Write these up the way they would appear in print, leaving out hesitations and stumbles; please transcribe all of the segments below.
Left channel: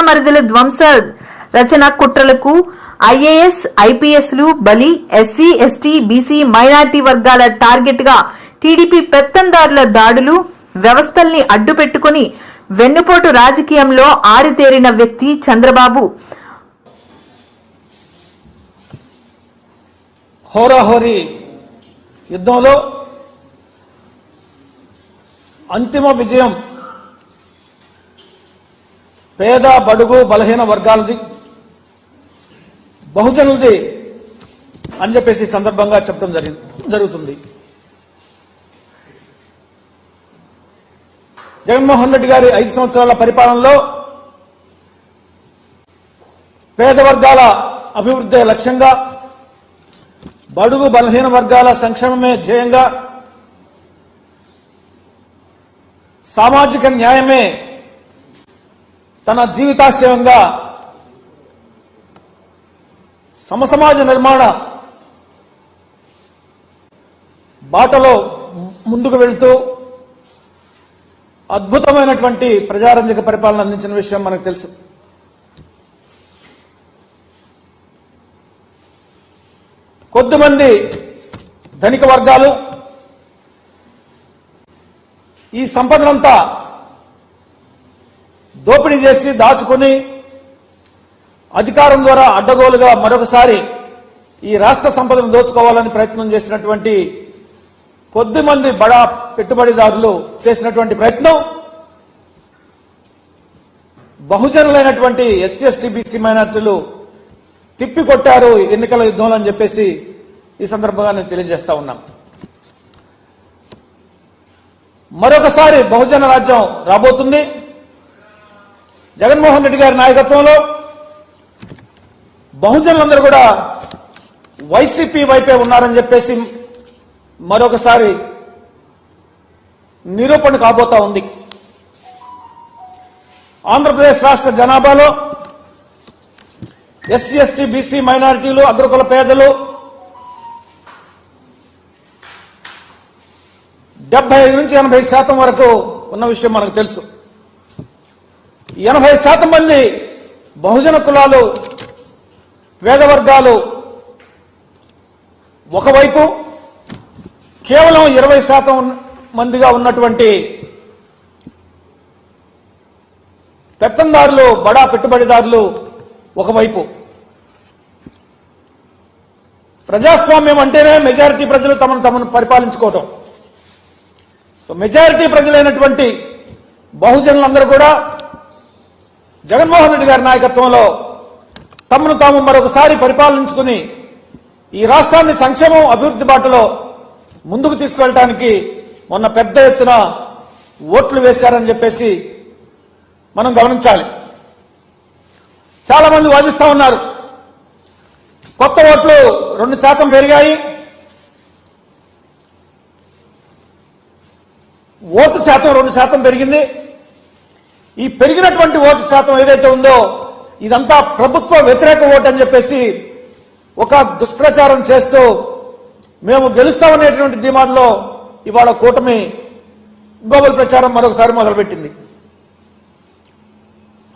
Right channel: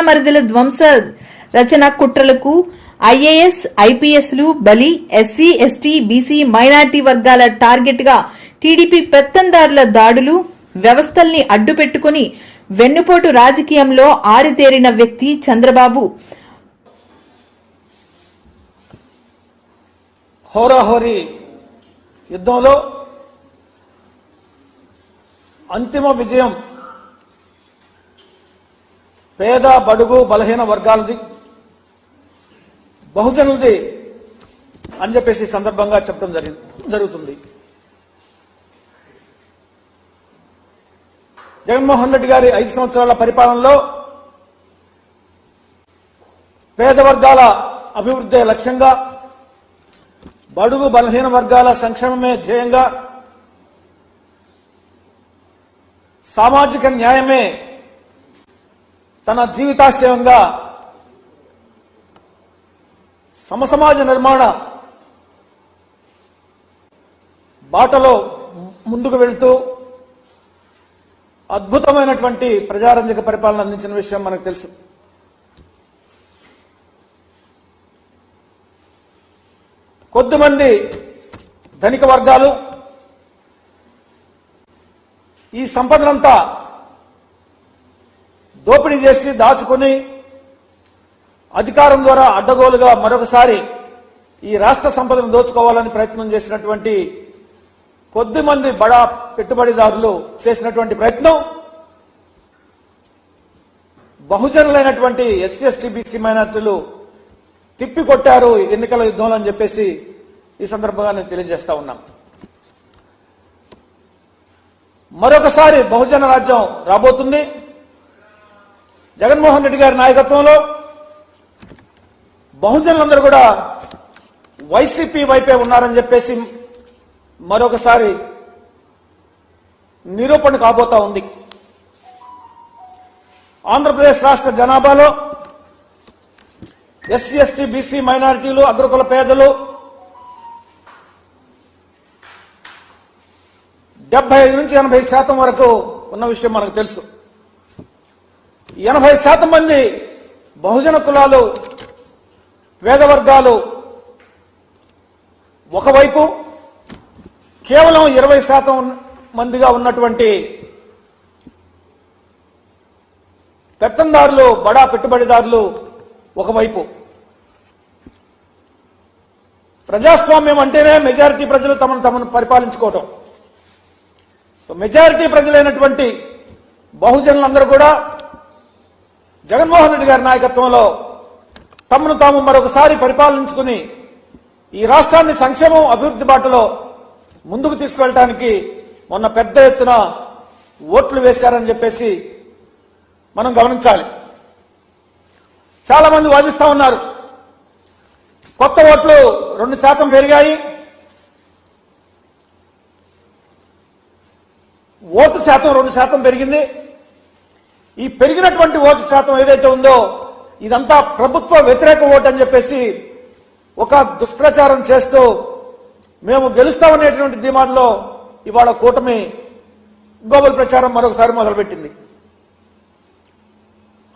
బాణామరిదిల ధ్వంస రచన కుట్రలకు IAS ఐపీఎస్లు బలి, SC ST BC minority వర్గాల టార్గెట్ గా టీడీపీ పెత్తందారుల దాడులు, వ్యవస్థల్ని అడ్డుపెట్టుకుని వెన్నుపోటు రాజకీయంలో ఆరితేరిన వ్యక్తి చంద్రబాబు. హోరాహోరీ యుద్ధంలో అంతిమ విజయం పేద బడుగు బలహీన వర్గాలది, బహుజనులది అని చెప్పేసి సందర్భంగా చెప్పడం జరుగుతుంది. జగన్మోహన్ రెడ్డి గారి 5 సంవత్సరాల పరిపాలనలో పేద వర్గాల అభివృద్ధి లక్ష్యంగా, బడుగు బలహీన వర్గాల సంక్షేమమే ధ్యేయంగా, సామాజిక న్యాయమే తన జీవితాశయంగా సమసమాజ నిర్మాణ బాటలో ముందుకు వెళ్తూ అద్భుతమైనటువంటి ప్రజారంజక పరిపాలన అందించిన విషయం మనకు తెలుసు. కొద్దిమంది ధనిక వర్గాలు ఈ సంపదనంతా దోపిడీ చేసి దాచుకుని అధికారం ద్వారా అడ్డగోలుగా మరొకసారి ఈ రాష్ట్ర సంపదను దోచుకోవాలని ప్రయత్నం చేసినటువంటి కొద్దిమంది బడా పెట్టుబడిదారులు చేసినటువంటి ప్రయత్నం బహుజనులైనటువంటి ఎస్సీ ఎస్టీ బీసీ మైనార్టీలు తిప్పికొట్టారు ఎన్నికల యుద్ధంలో అని చెప్పేసి ఈ సందర్భంగా నేను తెలియజేస్తా ఉన్నాను. మరొకసారి బహుజన రాజ్యం రాబోతుంది. జగన్మోహన్ రెడ్డి గారి నాయకత్వంలో బహుజనులందరూ కూడా వైసీపీ వైపే ఉన్నారని చెప్పేసి మరొకసారి నిరూపణ కాబోతా ఉంది. ఆంధ్రప్రదేశ్ రాష్ట్ర జనాభాలో ఎస్సీ ఎస్టీ బీసీ మైనారిటీలు, అగ్రకుల పేదలు 75 నుంచి 80% వరకు ఉన్న విషయం మనకు తెలుసు. 80% మంది బహుజన కులాలు, పేద వర్గాలు ఒకవైపు, కేవలం 20% మందిగా ఉన్నటువంటి పెత్తందారులు, బడా పెట్టుబడిదారులు ఒకవైపు. ప్రజాస్వామ్యం అంటేనే మెజారిటీ ప్రజలు తమను పరిపాలించుకోవటం. సో మెజారిటీ ప్రజలైనటువంటి బహుజనులందరూ కూడా జగన్మోహన్ రెడ్డి గారి నాయకత్వంలో తమను తాము మరొకసారి పరిపాలించుకుని ఈ రాష్ట్రాన్ని సంక్షేమం, అభివృద్ధి బాటలో ముందుకు తీసుకువెళ్ళడానికి మొన్న పెద్ద ఎత్తున ఓట్లు వేశారని చెప్పేసి మనం గమనించాలి. చాలా మంది వాదిస్తా ఉన్నారు, కొత్త ఓట్లు 2% పెరిగాయి, ఓటు శాతం 2% పెరిగింది. ఈ పెరిగినటువంటి ఓటు శాతం ఏదైతే ఉందో ఇదంతా ప్రభుత్వ వ్యతిరేక ఓటు అని చెప్పేసి ఒక దుష్ప్రచారం చేస్తూ మేము గెలుస్తామనేటువంటి ధీమాలో ఇవాళ కూటమి గోబల్ ప్రచారం మరొకసారి మొదలుపెట్టింది.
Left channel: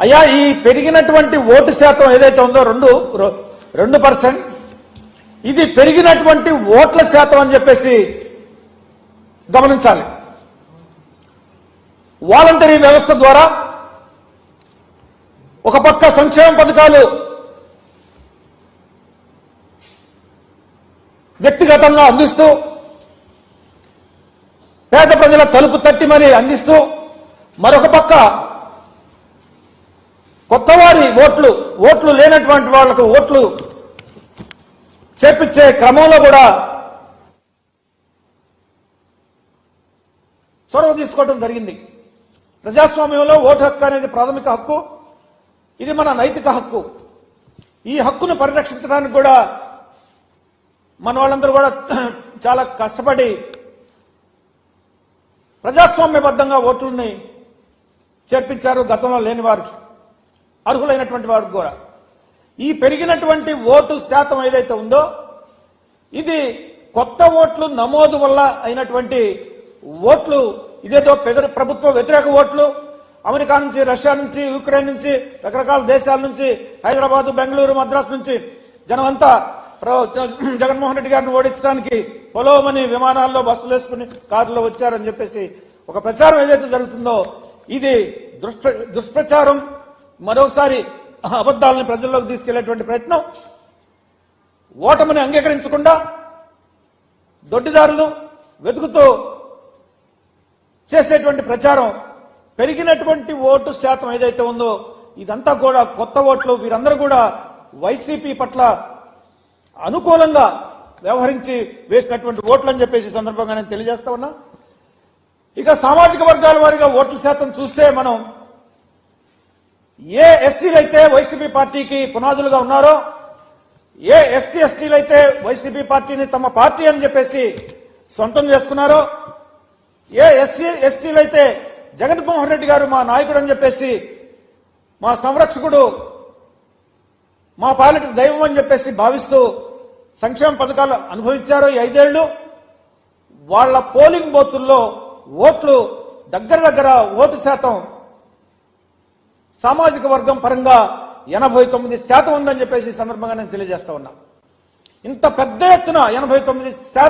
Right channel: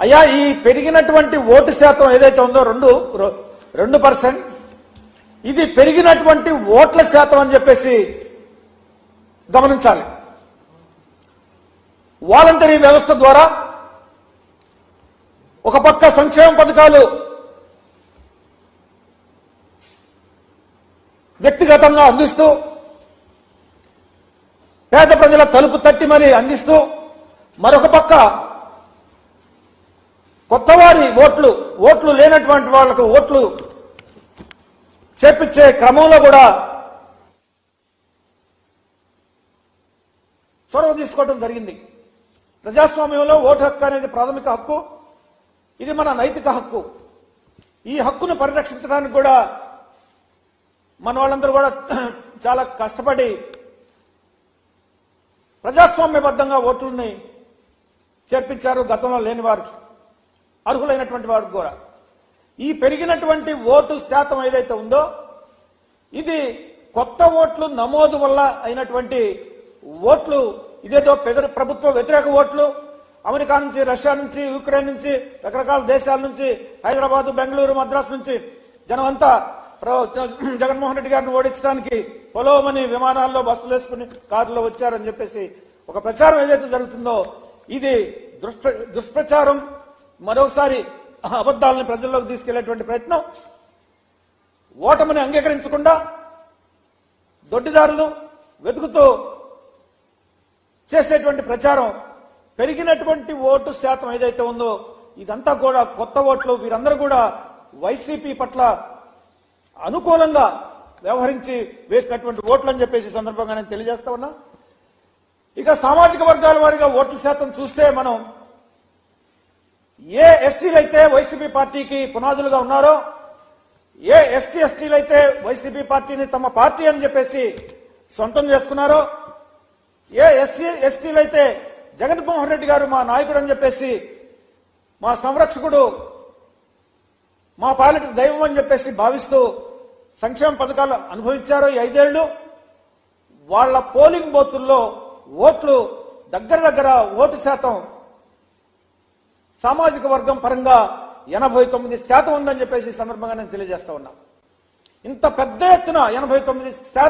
అయ్యా, ఈ పెరిగినటువంటి ఓటు శాతం ఏదైతే ఉందో 2%, ఇది పెరిగినటువంటి ఓట్ల శాతం అని చెప్పేసి గమనించాలి. వాలంటరీ వ్యవస్థ ద్వారా ఒక పక్క సంక్షేమ పథకాలు వ్యక్తిగతంగా అందిస్తూ, పేద ప్రజల తలుపు తట్టి మరీ అందిస్తూ, మరొక పక్క కొత్తవారి ఓట్లు లేనటువంటి వాళ్లకు ఓట్లు చేపించే క్రమంలో కూడా చొరవ తీసుకోవడం జరిగింది. ప్రజాస్వామ్యంలో ఓటు హక్కు అనేది ప్రాథమిక హక్కు, ఇది మన నైతిక హక్కు. ఈ హక్కును పరిరక్షించడానికి కూడా మన వాళ్ళందరూ కూడా చాలా కష్టపడి ప్రజాస్వామ్యబద్ధంగా ఓట్లని చేర్పించారు. గతంలో లేని వారికి, అర్హులైనటువంటి వారికి కూడా. ఈ పెరిగినటువంటి ఓటు శాతం ఏదైతే ఉందో ఇది కొత్త ఓట్లు నమోదు వల్ల అయినటువంటి ఓట్లు, ఇదేదో ప్రభుత్వ వ్యతిరేక ఓట్లు, అమెరికా నుంచి, రష్యా నుంచి, యుక్రెయిన్ నుంచి, రకరకాల దేశాల నుంచి, హైదరాబాద్, బెంగళూరు, మద్రాసు నుంచి జనం అంతా జగన్మోహన్ రెడ్డి గారిని ఓడించడానికి పొలోమని విమానాల్లో, బస్సులు వేసుకుని, కారులో వచ్చారని చెప్పేసి ఒక ప్రచారం ఏదైతే జరుగుతుందో ఇది దుష్ప్రచారం. మరోసారి అబద్దాలని ప్రజల్లోకి తీసుకెళ్లేటువంటి ప్రయత్నం. ఓటమిని అంగీకరించకుండా దొడ్డిదారులు వెతుకుతూ చేసేటువంటి ప్రచారం, పెరిగినటువంటి ఓటు శాతం ఏదైతే ఉందో ఇదంతా కూడా కొత్త ఓట్లు. వీరందరూ కూడా వైసీపీ పట్ల అనుకూలంగా వ్యవహరించి వేసినటువంటి ఓట్లు అని చెప్పేసి సందర్భంగా నేను తెలియజేస్తా ఉన్నా. ఇక సామాజిక వర్గాల వారిగా ఓట్ల శాతం చూస్తే మనం ఏ ఎస్సీలు అయితే వైసీపీ పార్టీకి పునాదులుగా ఉన్నారో, ఏ ఎస్సీ ఎస్టీలు అయితే వైసీపీ పార్టీని తమ పార్టీ అని చెప్పేసి సొంతం చేసుకున్నారో, ఏ ఎస్సీ ఎస్టీలు అయితే జగన్మోహన్ రెడ్డి గారు మా నాయకుడు అని చెప్పేసి, మా సంరక్షకుడు, మా పాలిట దైవం అని చెప్పేసి భావిస్తూ సంక్షేమ పథకాలు అనుభవించారో ఈ 5 ఏళ్లు, వాళ్ల పోలింగ్ బూతుల్లో ఓట్లు దగ్గర ఓటు శాతం సామాజిక వర్గం పరంగా 89% ఉందని చెప్పేసి సందర్భంగా నేను తెలియజేస్తా ఉన్నా. ఇంత పెద్ద ఎత్తున 89%